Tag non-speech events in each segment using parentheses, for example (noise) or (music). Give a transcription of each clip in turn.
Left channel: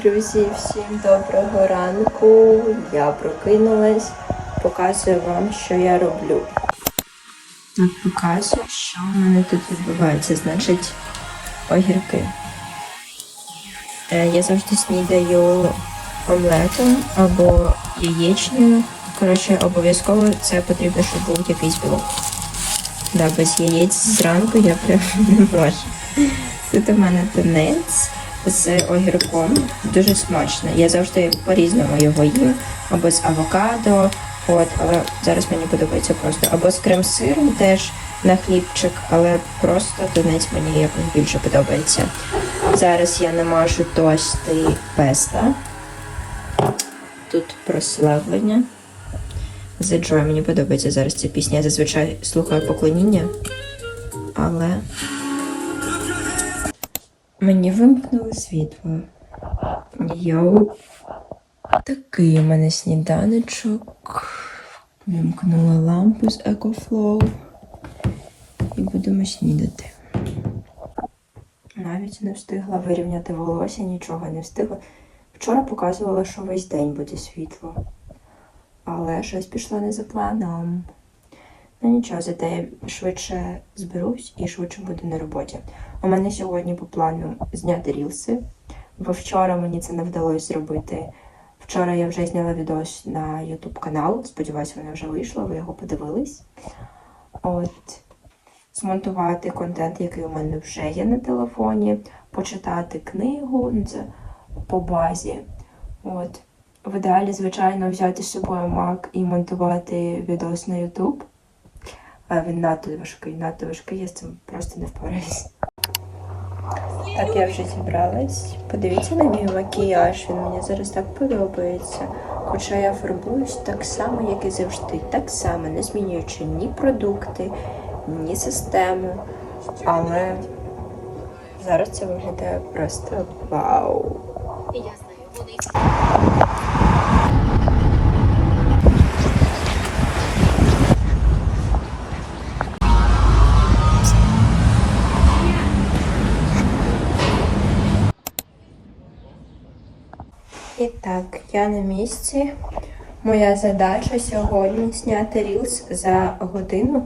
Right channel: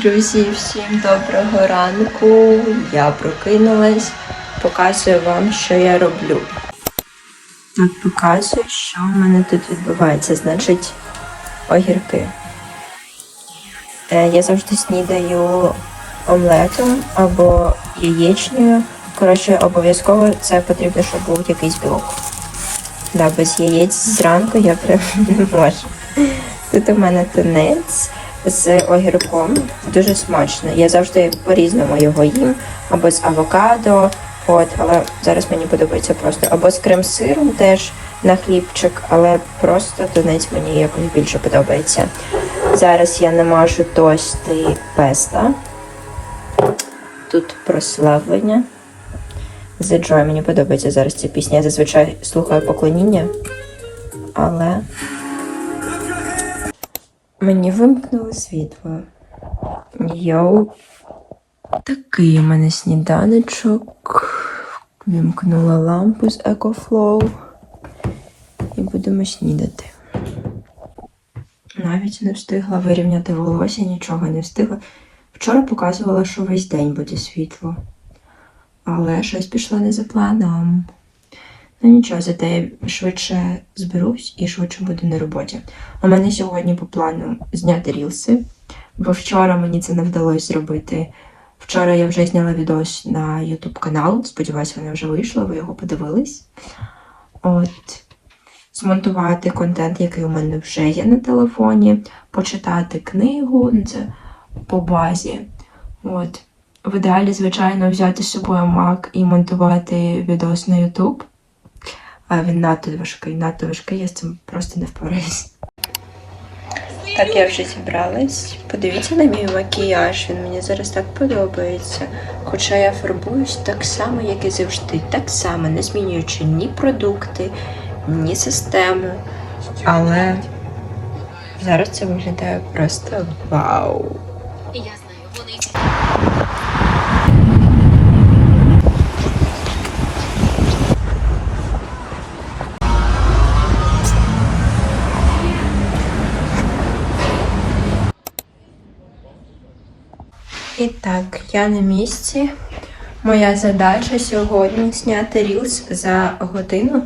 Друзі, всім доброго ранку. Я прокинулась. Показую вам, що я роблю. Так, показую, що в мене тут відбувається. Значить, огірки. Е, Я завжди снідаю омлетом або яєчнею. Коротше, обов'язково це потрібно, щоб був якийсь білок. Да, без яєць зранку я прям не можу. Тут у мене тунець з огірком. Дуже смачно. Я завжди по-різному його їм. Або з авокадо, от, але зараз мені подобається просто. Або з крем-сиром теж на хлібчик, але просто тунець мені якось більше подобається. Зараз я намажу тости песта. Тут прославлення. The Joy мені подобається зараз ця пісня. Я зазвичай слухаю поклоніння, але мені вимкнуло світло. Йоу. Такий у мене сніданочок. Вимкнула лампу з EcoFlow. І будемо снідати. Навіть не встигла вирівняти волосся, нічого не встигла. Вчора показувала, що весь день буде світло. Але щось пішло не за планом. Ну нічого, зате я швидше зберусь і швидше буду на роботі. У мене сьогодні по плану зняти рілси, бо вчора мені це не вдалося зробити. Вчора я вже зняла відос на YouTube канал. Сподіваюсь, воно вже вийшло, ви його подивились. От. Змонтувати контент, який у мене вже є на телефоні, почитати книгу, ну, це по базі. От. В ідеалі, звичайно, взяти з собою Mac і монтувати відос на YouTube. А він надто важкий, надто важкий, я з цим просто не впораюсь. Так, я вже зібралась. Подивіться на мій макіяж, він мені зараз так подобається. Хоча я фарбуюсь так само, як і завжди, так само, не змінюючи ні продукти, ні систему. Але зараз це виглядає просто вау. Так, я на місці. Моя задача сьогодні зняти рілс за годину,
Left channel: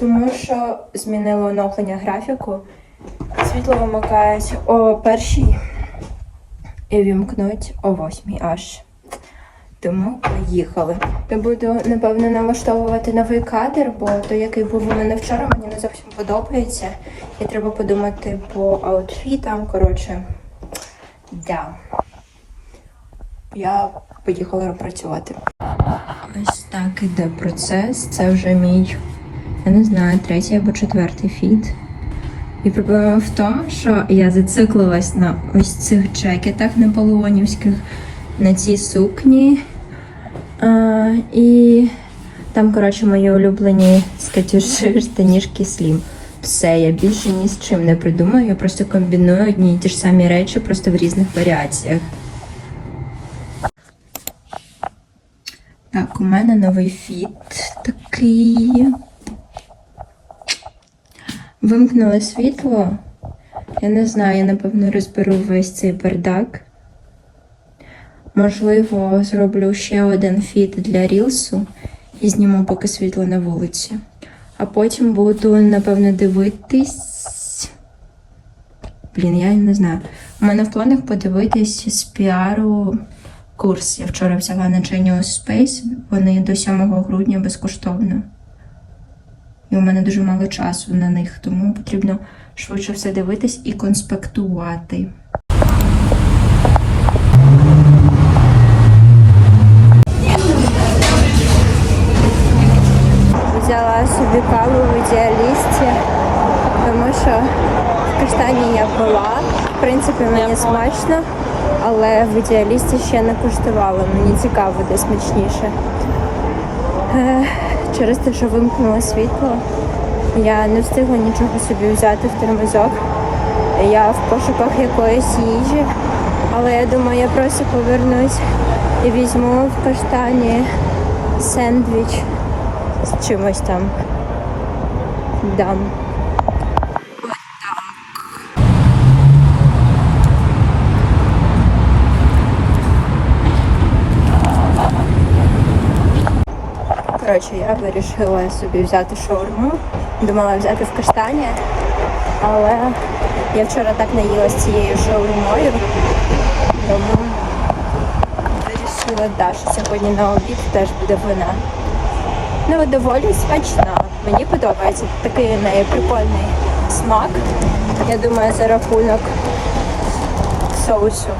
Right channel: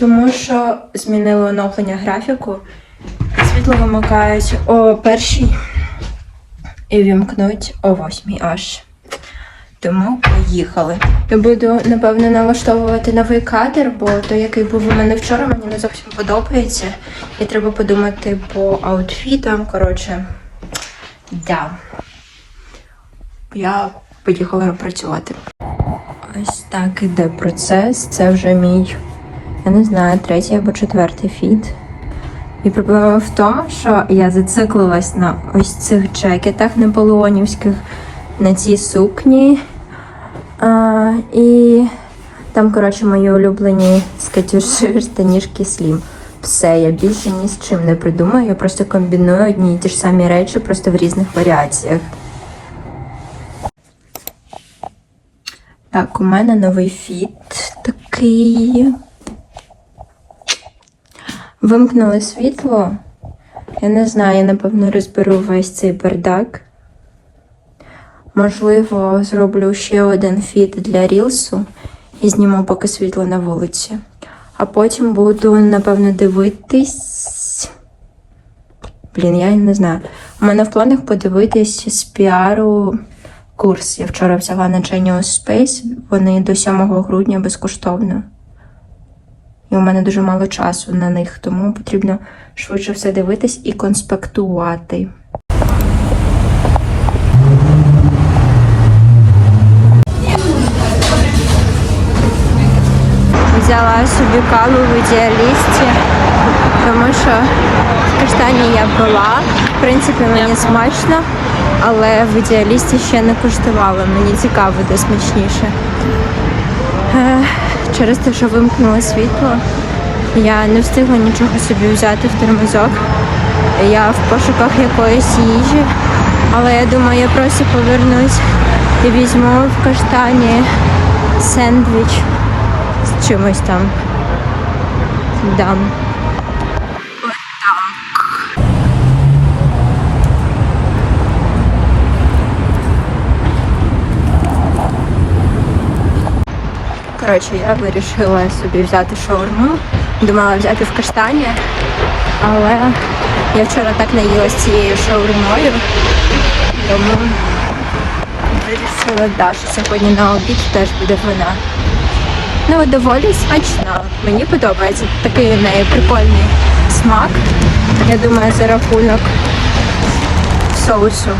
тому що змінили оновлення графіку. Світло вимикають о першій і вімкнуть о восьмій аж. Тому поїхали. Я буду, напевно, налаштовувати новий кадр, бо той, який був у мене вчора, мені не зовсім подобається. І треба подумати по аутфітам. Коротше, да. Я поїхала працювати. Ось так іде процес. Це вже мій, я не знаю, третій або четвертий фіт. І проблема в тому, що я зациклилась на ось цих джекетах наполеонівських, на цій сукні. А, і там, коротше, мої улюблені скатюши штанішки слім. Все, я більше ні з чим не придумаю. Я просто комбіную одні і ті ж самі речі, просто в різних варіаціях. Так, у мене новий фіт такий. Вимкнули світло. Я не знаю, я напевно розберу весь цей бардак. Можливо, зроблю ще один фіт для рілсу і зніму поки світло на вулиці. А потім буду, напевно, дивитись. Блін, я не знаю. У мене в планах подивитись з піару курс. Я вчора взяла на Genius Space. Вони до 7 грудня безкоштовно. І у мене дуже мало часу на них, тому потрібно швидше все дивитись і конспектувати. Взяла собі каву в ідеалісті, тому що в каштані я була. В принципі, мені смачно, але в ідеалісті ще не куштувала. Мені цікаво, де смачніше. Е, Через те, що вимкнуло світло, я не встигла нічого собі взяти в термозок. Я в пошуках якоїсь їжі, але я думаю, я просто повернусь і візьму в каштані сендвіч з чимось там. Дам. Коротше, я вирішила собі взяти шаурму. Думала взяти в каштані, але я вчора так наїлась цією шаурмою, тому вирішила, да, що сьогодні на обід теж буде вона. Ну, доволі смачна. Мені подобається. Такий в неї прикольний смак. Я думаю, за рахунок соусу.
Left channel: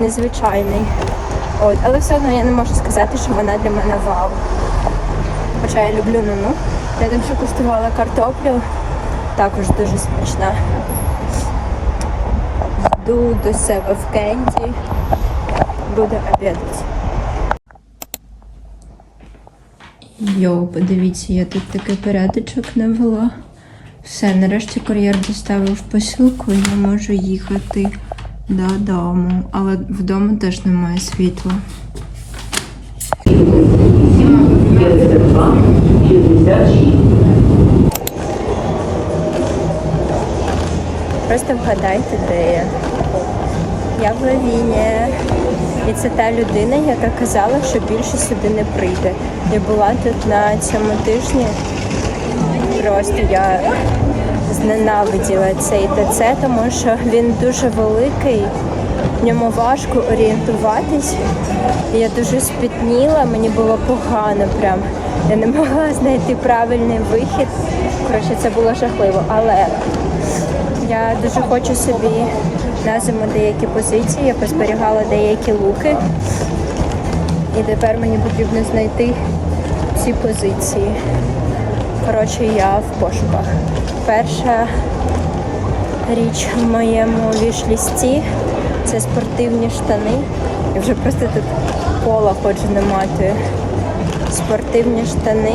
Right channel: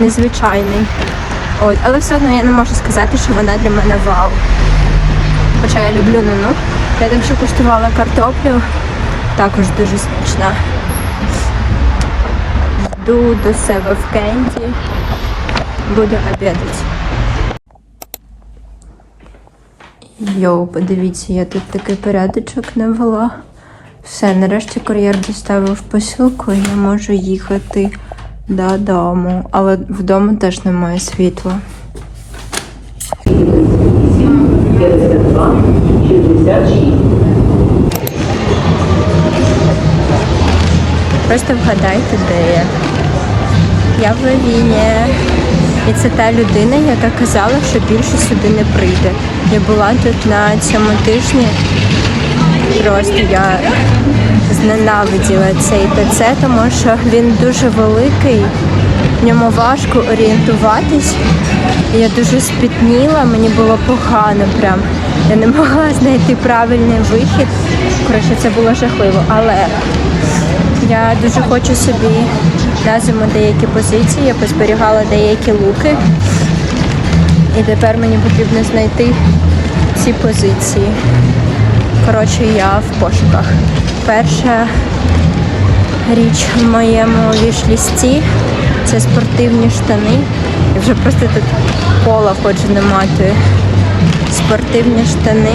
Незвичайний. От, але все одно я не можу сказати, що вона для мене вау. Хоча я люблю нуну. Я так що куштувала картоплю, також дуже смачна. Йду до себе в кенді, буду обідати. Йоу, подивіться, я тут такий порядочок навела. Все, нарешті кур'єр доставив посилку, і я можу їхати додому. Але вдома теж немає світла. Просто вгадайте, де я. Я в Лавіні. І це та людина, яка казала, що більше сюди не прийде. Я була тут на цьому тижні. Просто я зненавиділа цей ТЦ, тому що він дуже великий, в ньому важко орієнтуватись. Я дуже спітніла, мені було погано прям. Я не могла (laughs) знайти правильний вихід. Коротше, це було жахливо. Але я дуже хочу собі на зиму деякі позиції, я позберігала деякі луки. І тепер мені потрібно знайти ці позиції. Коротше, я в пошуках. Перша річ в моєму вішлісті це спортивні штани. Я вже просто тут пола хочу не мати. Спортивні штани.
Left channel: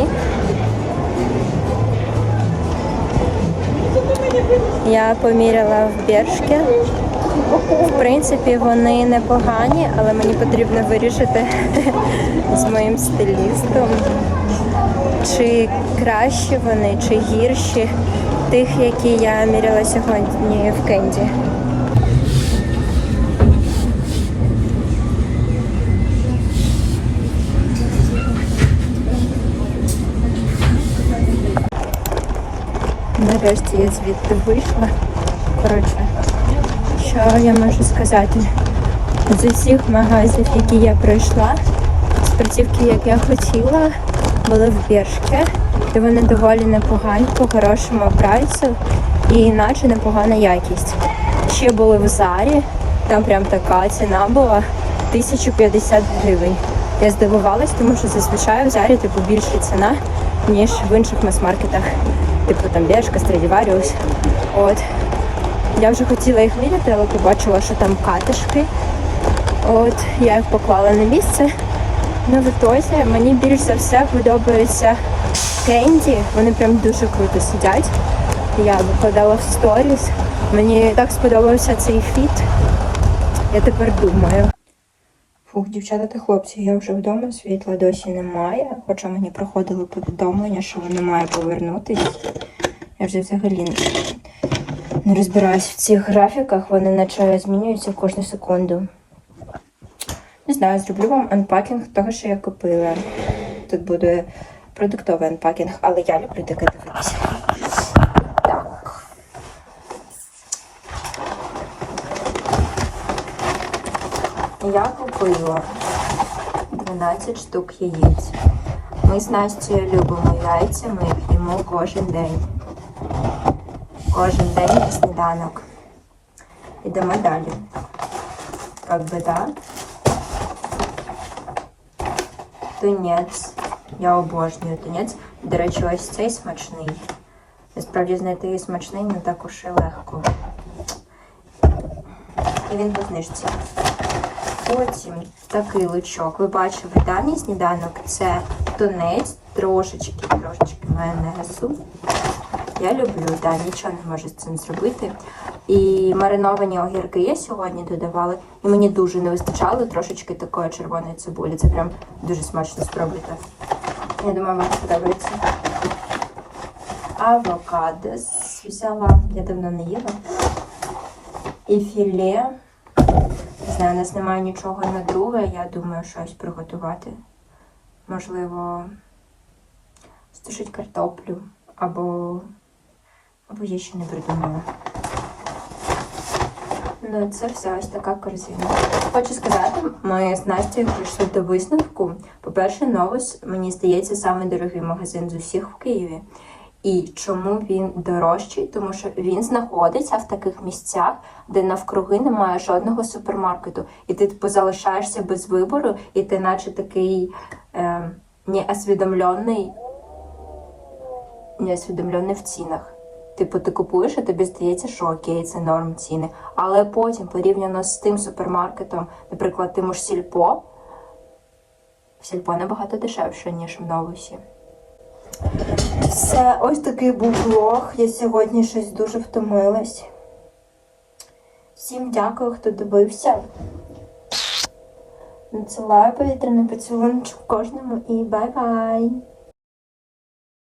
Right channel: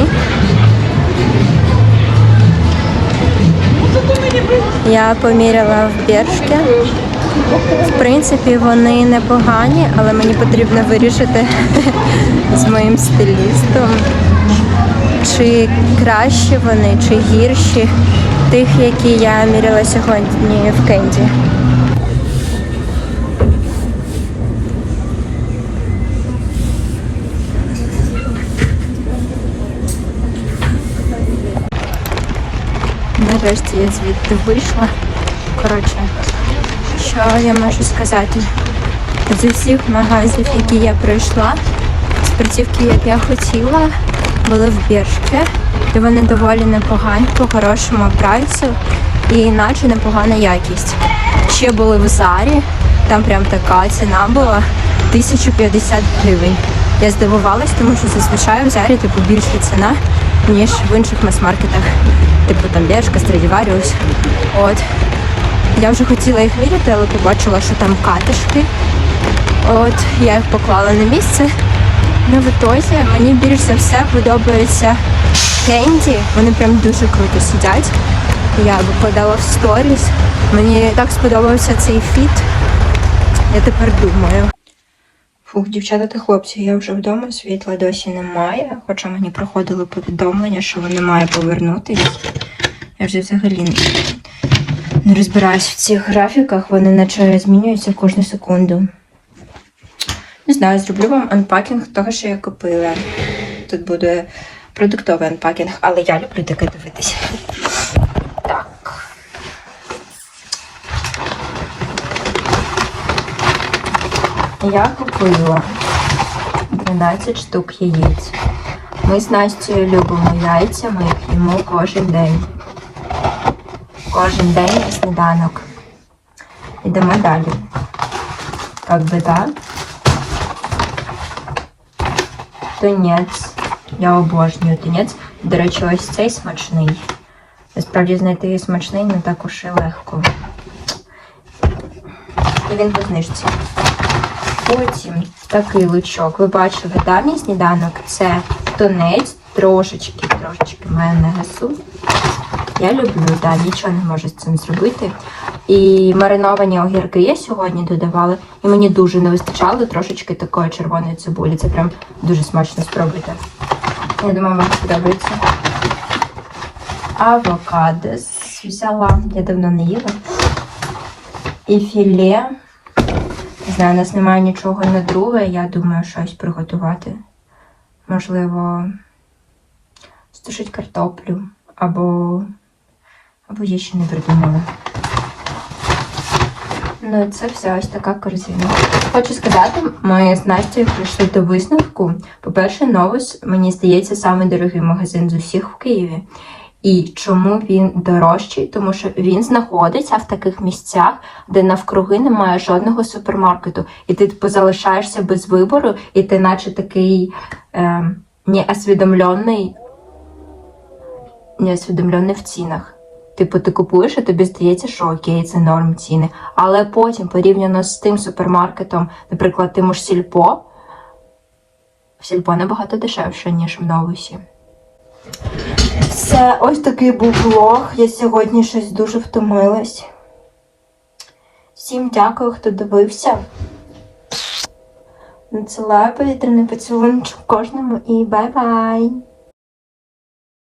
Я поміряла в Бершки. В принципі, вони непогані, але мені потрібно вирішити (laughs) з моїм стилістом, чи кращі вони, чи гірші тих, які я міряла сьогодні в Кенді. Нарешті я звідти вийшла. Коротше, що я можу сказати? З усіх магазів, які я пройшла, спортивки, як я хотіла, були в Бершке, де вони доволі непогані, по хорошому прайсу і іначе непогана якість. Ще були в Зарі, там прям така ціна була 1050 гривень. Я здивувалась, тому що зазвичай в Зарі типу більша ціна, ніж в інших мас-маркетах, типу там Бершка, Страдіваріус. От. Я вже хотіла їх міряти, але побачила, що там катишки. От я їх поклала на місце. Ну, в ітозі мені більш за все подобається кенді. Вони прям дуже круто сидять. Я викладала в сторіс. Мені так сподобався цей фіт. Я тепер думаю. Фух, дівчата та хлопці, я вже вдома, світла досі немає, хоча мені приходили повідомлення, що воно має повернутись. Я вже взагалі не розбираюсь в цих графіках, вони наче змінюються кожну секунду. Не знаю, зроблю вам анпакінг того, що я купила. Тут буде продуктовий анпакінг, але я люблю таке дивитися. Так. Я купила 12 штук яєць. Ми з Настю любимо яйця, ми їх їмо кожен день. Кожен день на сніданок. Йдемо далі. Как би так. Тунець. Я обожнюю тунець. До речі, ось цей смачний. Насправді знайти смачний не так уж і легко. І він по знижці. Потім такий лучок. Ви бачили, да, мій сніданок? Це тунець, трошечки, трошечки майонезу. Я люблю, да, нічого не можу з цим зробити. І мариновані огірки я сьогодні додавала, і мені дуже не вистачало трошечки такої червоної цибулі. Це прям дуже смачно спробуйте. Я думаю, вам сподобається. Авокадо взяла, я давно не їла. І філе. Знаю, у нас немає нічого на друге, я думаю, щось приготувати. Можливо, стушить картоплю. Або. Або я ще не придумала. Ну, це все ось така корзина. Хочу сказати, ми з Настю прийшли до висновку. По-перше, Новус, мені здається, самий магазин з усіх в Києві. І чому він дорожчий? Тому що він знаходиться в таких місцях, де навкруги немає жодного супермаркету, і ти типу, залишаєшся без вибору, і ти, наче такий е, неосвідомлений, неосвідомлений в цінах. Типу, ти купуєш, і тобі здається, що окей, це норм ціни. Але потім, порівняно з тим супермаркетом, наприклад, тим ж сільпо, сільпо набагато дешевше, ніж в новусі. Все, ось такий був влог. Я сьогодні щось дуже втомилась. Всім дякую, хто дивився. Надсилаю повітряний поцілунок кожному і бай-бай!